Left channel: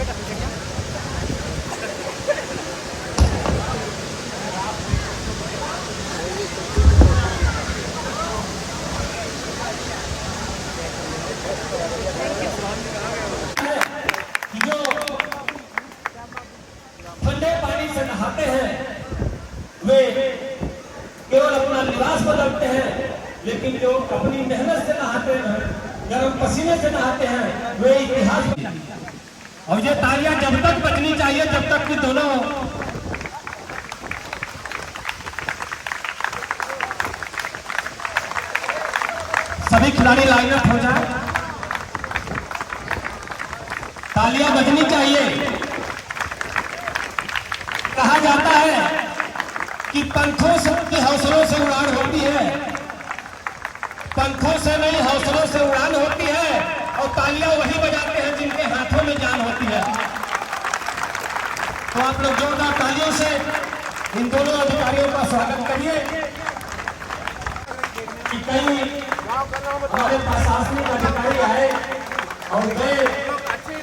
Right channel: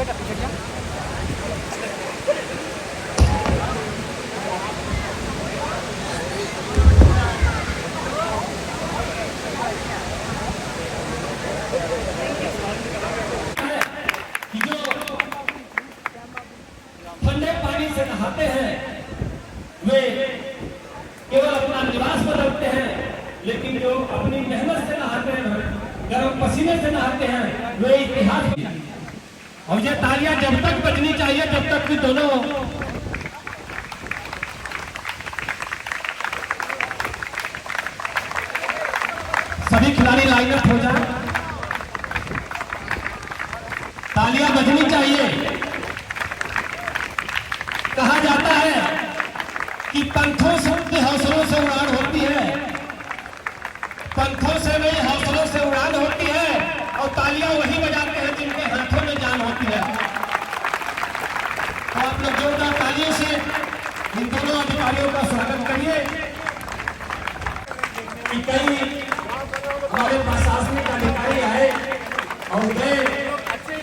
ठंडे पानी से नहाते हैं वे केवल अपना लिबास बदलते हैं, लेकिन जो अपनी मेहनत से नहाते हैं, गर्म पसीने से नहाते हैं, वे इतिहास। और ये तालियां जब तक बजनी चाहिए जब तक कि दोनों सभी खिलाड़ी लाइनअप हो जाए। तालियां बजनी चाहिए। कहा जाता है कि पंखों से के हौसलों से उड़ान होती है, पंखों से नहीं हौसलों से उड़ान होती है, और तालियां वही बजाते हैं जिनके हाथों में जान होती है। तो आप लोग जोरदार तालियों से इन दोनों अधिकारियों का स्वागत करिए। कि कई हमारे प्रशासनिक अधिकारी आए और गए,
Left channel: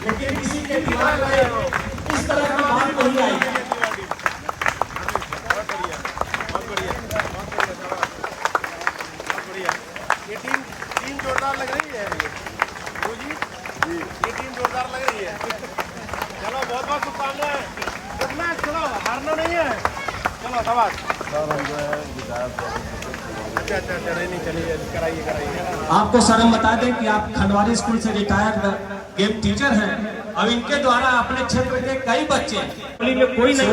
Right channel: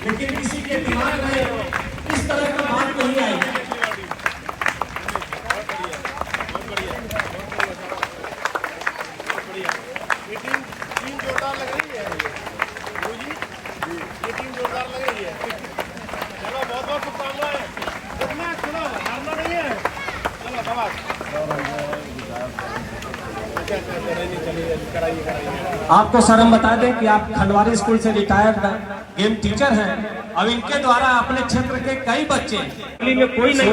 लेकिन किसी के दिमाग में इस तरह की बात नहीं आई। ये टीम जोरदार लग रही है जी, ये टीम जोरदार लग रही है। चलो बहुत बहुत शुभकामनाएं, जितना चलो हारना नहीं है। चलो धन्यवाद। नहीं चलिए कराइए। आपको सर हम बता दें कि आप खंडवारी स्कूल से रिटायर्ड गेम टीचर हैं और इनके द्वारा अपने क्षेत्र के कई बच्चे में कोई नहीं।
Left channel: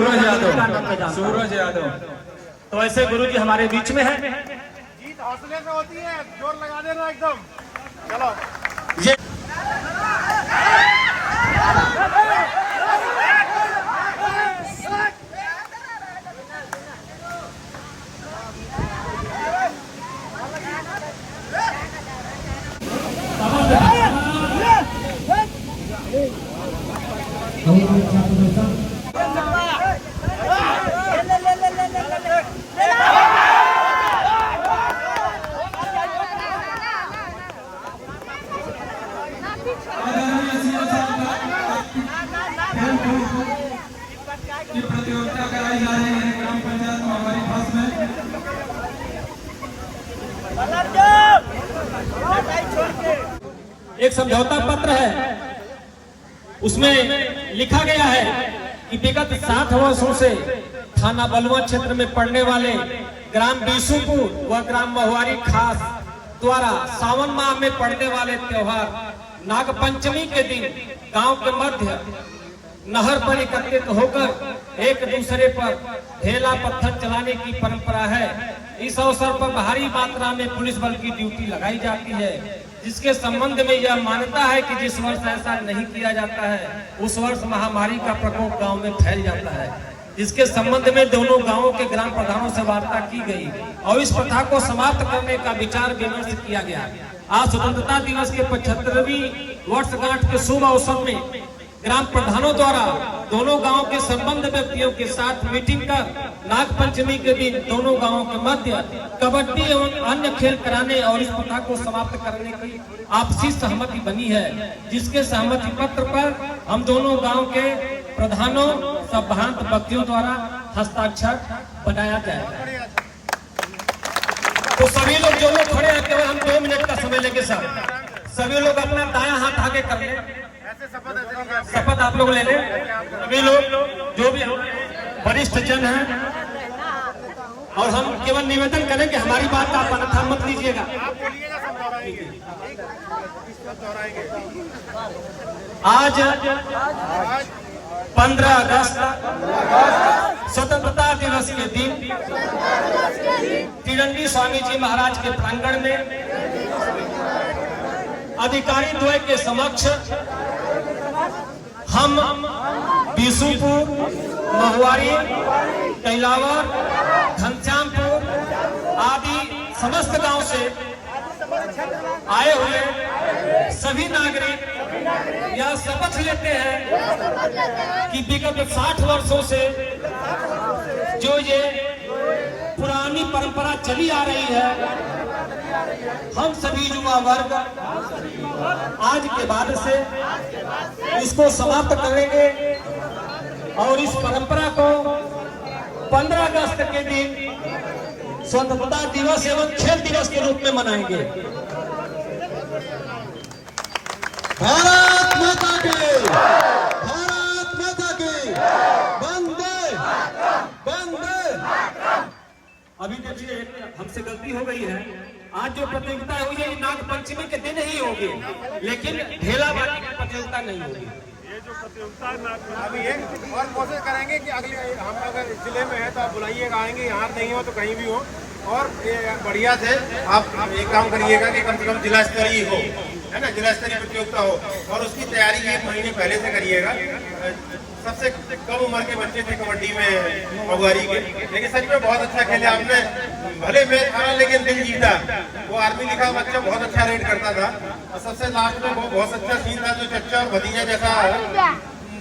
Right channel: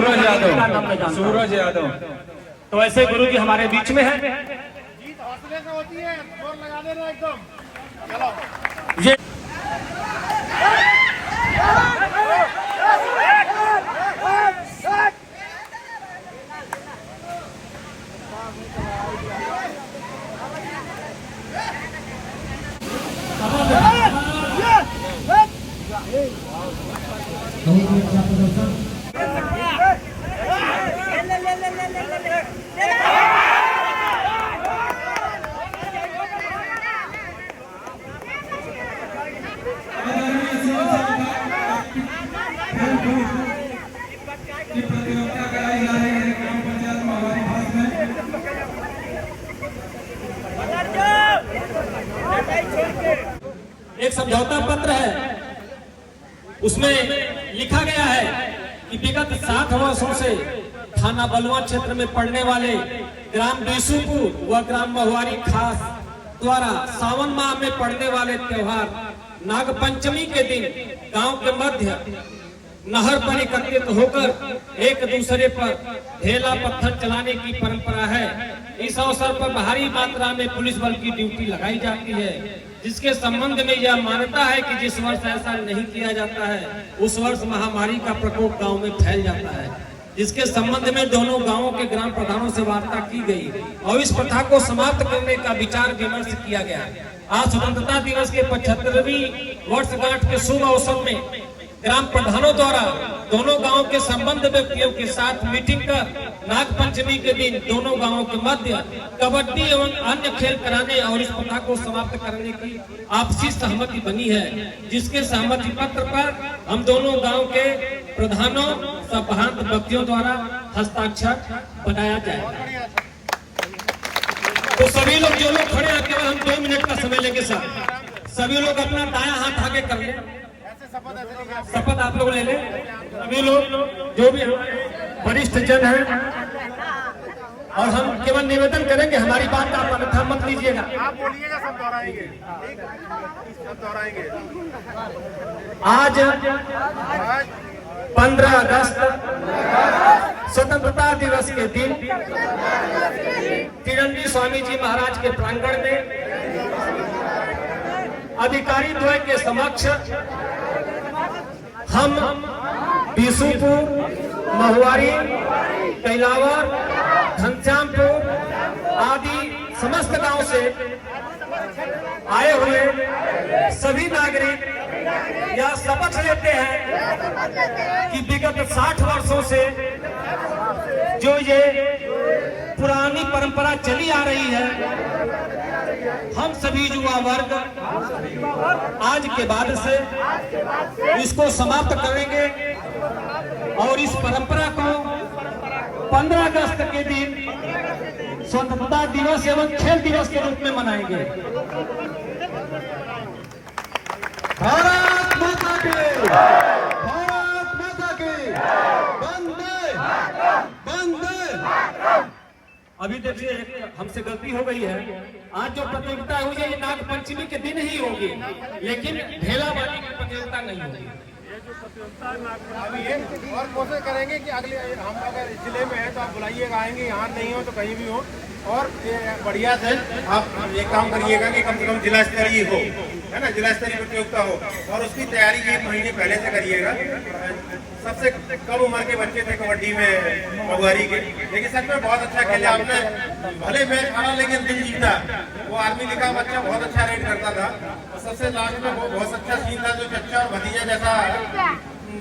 सूरज यादव तो ऐसे गुरु जी हमारे बीच में है। जीत हौसले से होती है, जोर लगा देना एकदम। चलो ये प्रतियोगिता कराई जा रही है ग्राम पंचायत महावारी खास में। एक समझौता पत्र है, उसमें लिखा गया है कि विगत 7 वर्षों से थाना बलुआ क्षेत्र में पड़ने वाले ग्राम बीसूपुर व ग्राम महुआरी खास द्वारा सावन माह में पड़ने वाले त्योहार नागपंचमी के दिन गांव के मध्य नहर पर एकत्रित होकर एक दूसरे पर ढेला पत्थर चलाने की परंपरा है। इस अवसर पर भारी मात्रा में पुलिस बल की ड्यूटी लगाई जाती है, जिसके संबंध में यह मान्यता है कि जिस वर्ष ऐसा नहीं किया जाता है उस वर्ष महामारी का प्रकोप गांव में फैल जाता है। जिसके संबंध में दोनों गांवों के ग्राम प्रधानों से वार्ता की गई और इस प्रथा को समाप्त करने का विचार विमर्श किया गया। आज स्वतंत्रता दिवस के 75वीं वर्षगांठ के शुभ अवसर में ग्राम प्रधानों द्वारा दोनों गांवों के संबंध व्यक्तियों के साथ मीटिंग कर नागपंचमी के दिन दोनों गांवों के मध्य कबड्डी एवं अन्य खेल कराने और इस प्रथा को समाप्त करने की आपसी सहमति बनी है, जिसके सहमति पत्र पर हम दोनों गांव के प्रधानों संभ्रांत व्यक्तियों द्वारा हस्ताक्षर बनाया जाएगा। तो सभी लोग जो लोग खड़े हैं केवल हम 2 मिनट का समय लेंगे सर। सभी लोग अपना दायां हाथ आगे कर लें। शपथ आप लोग ले लें। सभी लोग जो भी वरिष्ठ जन हैं, और हम केवल निवेदन करेंगे हमारी बात का आप अन्यथा मत लीजिएगा। आप बोलिएगा, सब दोहराएंगे, सब दोहराएंगे। आज 15 अगस्त स्वतंत्रता दिवस के दिन तिरंगी स्वामी जी महाराज के प्रांगण में अधिकारी द्वय के समक्ष हम बीसूपुर, महुआरी, कैलावर, घनश्यामपुर आदि समस्त गांव से आए हुए सभी नागरिक यह शपथ लेते हैं कि विगत 60 वर्षों से जो ये पुरानी परंपरा चली आ रही है हम सभी युवा वर्ग आज के बाद से इसको समाप्त करेंगे और इस परंपरा को 15 अगस्त के दिन स्वतंत्रता दिवस एवं खेल दिवस के रूप में मनाएंगे। भारत माता की, भारत माता की, वंदे वंदे। अभी देखिए हमसे गलती हो गई है, आज जो प्रतियोगिता हुई है ये नाग पंचमी के दिन ही होगी, लेकिन ढेलावाली की प्रतियोगिता नहीं होगी। अभी ये और कोशिश करेंगे कि अगले हम अगर इस जिले में है तो आप बुलाइएगा, आएंगे, यहाँ नहीं हो तो कहीं भी हो। और बढ़िया से आप ये काम करिएगा कि कम से कम जिला स्तरीय हो, है ना, जिला स्तरीय प्रतियोगिता हो और उसकी तैयारी 1 महीने पहले से करिएगा। सबसे कम उम्र के बच्चे थे कबड्डी में मगुआरी के, लेकिन सच में बहुत अच्छा खेले आपने, भले मैच हारा लेकिन दिल जीता। वो आर्मी लिखा बच्चा बहुत अच्छा रेड करता था और सबसे लास्ट में वो बहुत अच्छा सीन था जो चच्चा और भतीजा जैसा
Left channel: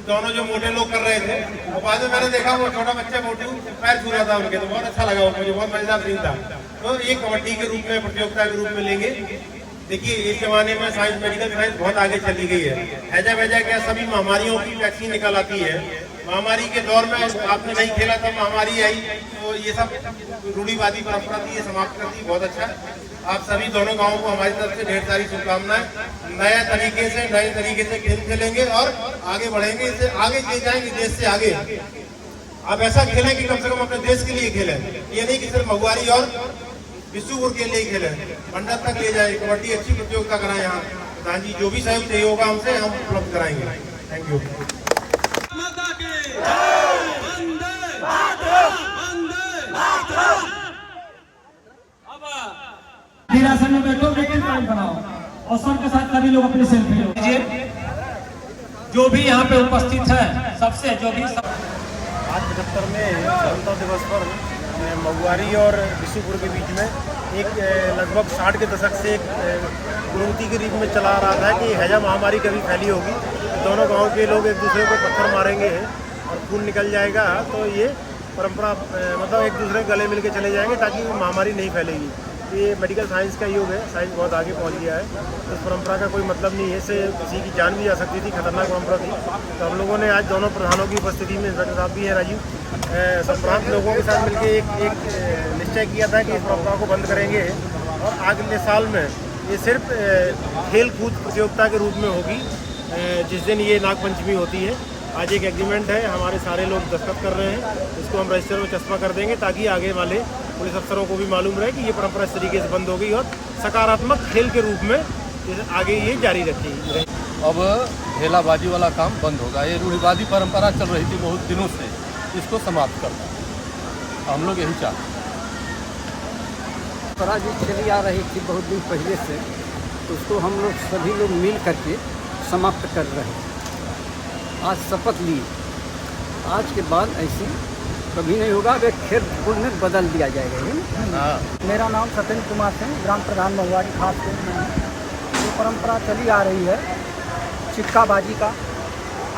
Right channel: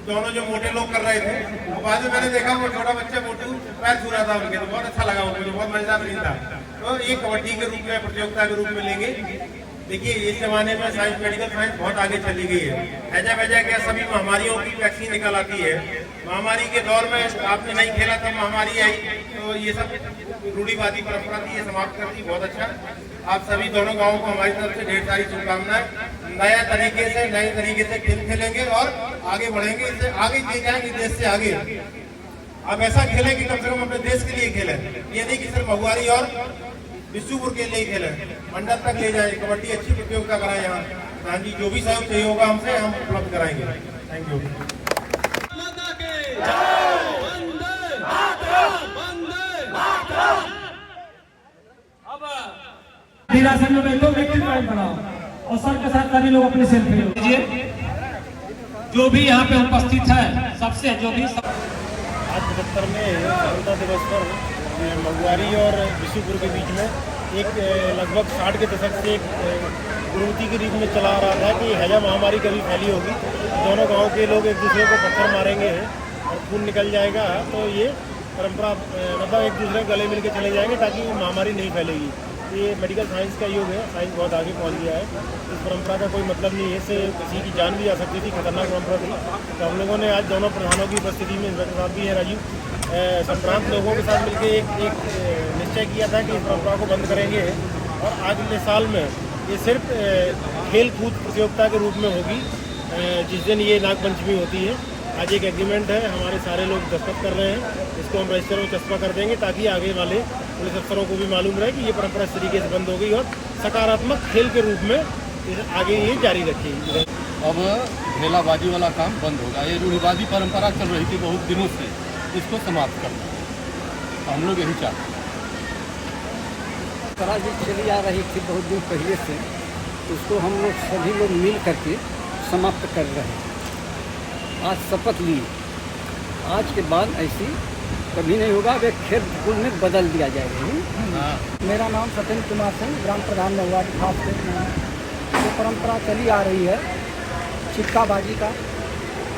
दोनों जो मोटे लोग कर रहे थे और बाद में मैंने देखा वो छोटा बच्चा मोटू पैर छू रहा था उनके, तो बहुत अच्छा लगा मुझे, बहुत मजेदार सीन था। तो ये कबड्डी के रूप में प्रतियोगिता के रूप में लेंगे। देखिए इस जमाने में साइंस, मेडिकल साइंस बहुत आगे चली गई है। हैजा वैजा क्या सभी महामारियों की वैक्सीन निकल आती है। महामारी के दौर में आपने नहीं खेला तब महामारी आई, तो ये सब रूढ़िवादी परंपरा थी, ये समाप्त कर दी। बहुत अच्छा, आप सभी दोनों गाँवों को हमारी तरफ से ढेर सारी शुभकामनाएं। नए तरीके से खेल खेलेंगे और आगे बढ़ेंगे, इससे आगे ले जाएंगे देश से आगे। अब ऐसा खेलें कि कम से कम अपने देश के लिए खेलें, ये नहीं कि सिर्फ मगुआरी और विष्णुपुर के लिए खेलें, मंडल तक ले जाए। कबड्डी अच्छी प्रतियोगिता कराएं यहाँ। प्रधान जी जो भी सहयोग चाहिए होगा हमसे, हम उपलब्ध कराएंगे। Thank you. माता की वंदे वंदे। अब हिरासत में बैठो, लेकिन बनाओ और सर के साथ सभी लोग अपनी सेल्फी लीजिए। जो भी यहाँ पे उपस्थित है सबसे जो भी आज 75 में स्वतंत्रता दिवस पर मगुआरी और विष्णुपुर के बीच में एक लगभग 60 के दशक से एक कुरीति के रूप में चला आ रहा था कि हैजा महामारी कभी फैली होगी, दोनों गांव के लोग एक दूसरे को पत्थर मारेंगे और खून निकल जाएगा, तो ये परंपरा मतलब एक दूसरे गले मिल के चले जाएंगे ताकि महामारी नहीं फैलेगी। ये मेडिकल साइंस का युग है, साइंस बहुत आगे पहुंच गया है। इस परंपरा का कोई मतलब नहीं है, इससे किसी की जान भी जा सकती थी, खतरनाक परंपरा थी। तो हम लोगों ने आज दोनों प्रधानों की उपस्थिति में, इंस्पेक्टर साहब भी हैं राजीव, संप्रांत लोगों के साथ मिलकर एक निश्चय किया था कि इस परंपरा को बंद करेंगे और अगले साल में ये सिर्फ खेल कूद प्रतियोगिता के रूप में होगी जिस दिन ये नागपंचमी होती है। आज एक एग्रीमेंट है, हमारे सारे लोग दस्तखत कर रहे हैं, इसको हम रजिस्टर में चस्पा कर देंगे ताकि आगे वाले पुलिस अफसरों को भी मालूम रहे कि ये परंपरा इस तरीके से बंद हो गई और सकारात्मक खेल के रूप में आगे ये जारी रखेगी। अब ढेलाबाजी वाला काम बंद होगा। ये रूढ़िवादी परंपरा चल रही थी बहुत दिनों से, इसको समाप्त करना है। हम लोग यही चाहते हैं। परंपरा जी चली आ रही थी बहुत दिन पहले से, तो उसको हम लोग सभी लोग मिल करके समाप्त कर रहे हैं। आज शपथ ली, आज के बाद ऐसी कभी नहीं होगा। अब एक खेल कूद में बदल दिया जाएगा। मेरा नाम सत्येंद्र कुमार सिंह, ग्राम प्रधान मगुआरी खास के नाम। जो परंपरा चली आ रही है चिक्काबाजी का,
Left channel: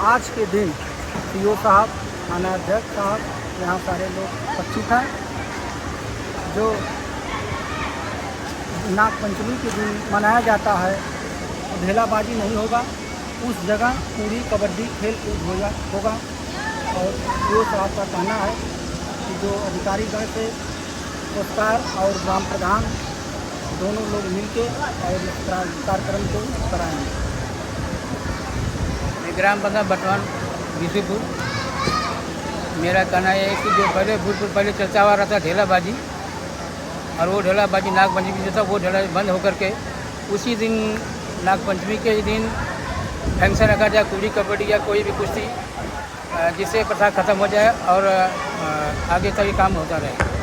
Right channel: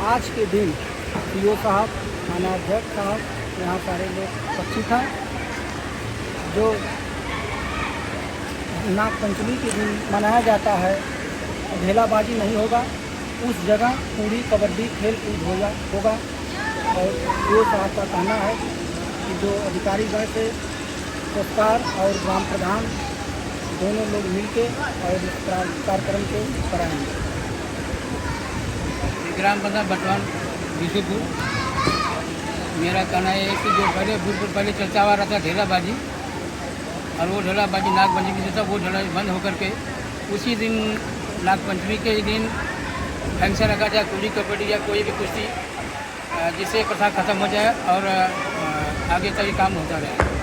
आज के दिन पीओ साहब, थाना अध्यक्ष साहब, यहाँ सारे लोग उपस्थित हैं। जो नागपंचमी के दिन मनाया जाता है, ढेलाबाजी नहीं होगा, उस जगह पूरी कबड्डी खेल कूद होगा। और पीओ साहब का कहना है कि जो अधिकारीगण से कोस्टार और ग्राम प्रधान दोनों लोग मिलके और इस कार्यक्रम को कराएंगे। ग्राम पंचायत बटवान विष्णुपुर, मेरा कहना है कि जो पहले चर्चा हुआ रहा था ढेलाबाजी, और वो ढेलाबाजी नागपंचमी से था, वो ढेलाबाजी बंद होकर के उसी दिन नागपंचमी के दिन फंक्शन रखा जाए, कुड़ी कबड्डी या कोई भी कुश्ती, जिससे प्रथा खत्म हो जाए और आगे का ये काम होता रहे।